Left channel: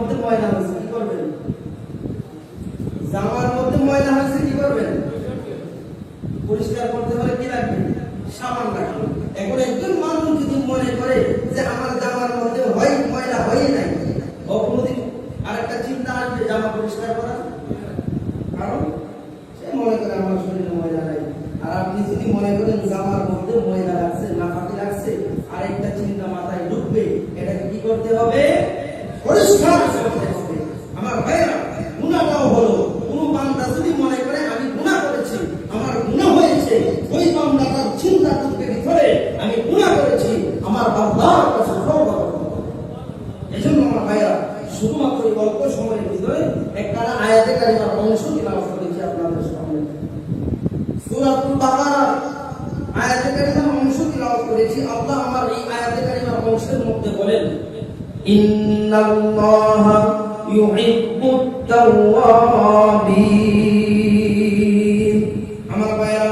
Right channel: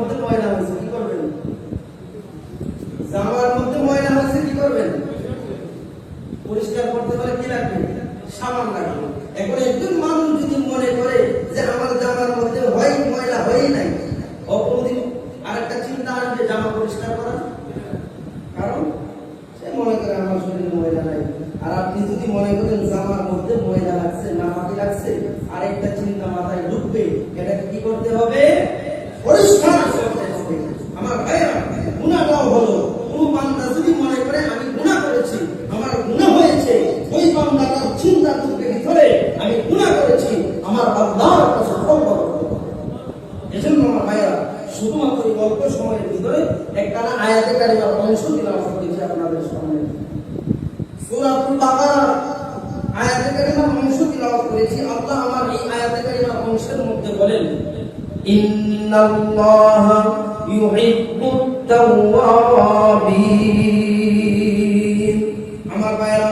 মধ্যে ময়লা হয়েছে, কি করবেন? জামার মধ্যে ময়লা হয়েছে, কি করবেন? পরিষ্কার করতে পারে কি রাখবেন সাবান রাখবেন এখন একজন মানুষ যদি মনে করে যে আমার জামার মধ্যে হয়, ময়লা হয়ে নাই কোনোদিন আরেকটা চিন্তা আসবে, জামা পরিষ্কার করা? কারণ সে মনে করে আমার শরীরে ময়লা নাই। আর আপনি যদি মনে করেন জামার মধ্যে ময়লা লাগছে না ফাঁকি লাগছে, আরেকটা চিন্তা মাথায় ঢুকবে এটা কি করতে হবে পরিষ্কার করতে হবে আমার ভাইয়েরা গুণাটাও হলো। কোন বান্দা যদি মনে করে, আমি গুণা করেছি, আমার গুণা হয়েছে, ওই বান্দা তার চিন্তা করতে ভিতরে আমি গুণা করেছি, আমার বান্দার কাছে তওবা এই জন্য আমার ভাইয়েরা শুধুমাত্র এই অল্প সময়ের ভিতরে একটা আয়াতে কারিমার অংশ তিলাওয়াত করেছি আপনাদের সামনে। সূরাতুল বাকারা আয়াতে কারিমার অংশ তিলাওয়াত করেছি। আল্লাহ আমার এই আয়াতে কারিমার অংশের মধ্যে বলেন ইন্নাল্লাহা ইউহিব্বুত তাওয়াবিন আমার ভাইয়েরা,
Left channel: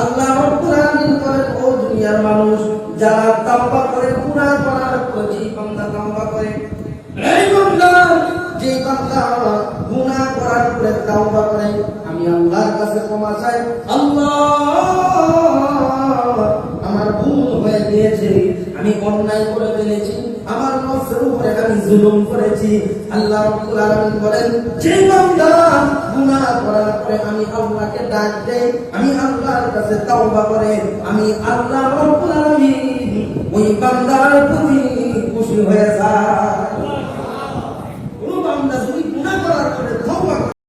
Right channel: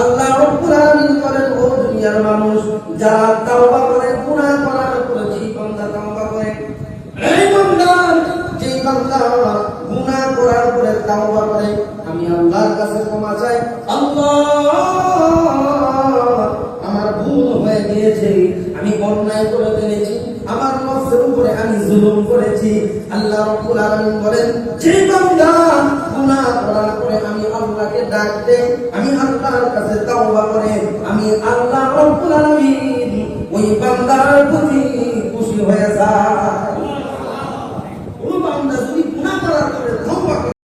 আল্লাহ রব্বুল আলামিন বলেন, ও দুনিয়ার মানুষ, যারা তাওবা করে, গুনাহ করার পরে যেই বান্দা তাওবা করে, এই বান্দা, যেই বান্দা গুনাহ করার পরে তাওবা করে, আমি আল্লাহর কাছে ক্ষমা চাই। আল্লাহ, আমার ভুল হয়ে গিয়েছে, আমি অন্যায় করে ফেলেছি। জুলুম করেছি, আল্লাহ রাব্বুল আলামিন বলেন বান্দা, গুনাহ করার পরে আমি আল্লাহকে ডাক দেই আমি আল্লাহর কাছে তওবা করে, আমি আল্লাহ রাব্বুল আলামিন ওই বান্দার প্রতি খুশি হয়ে যায় ও বান্দা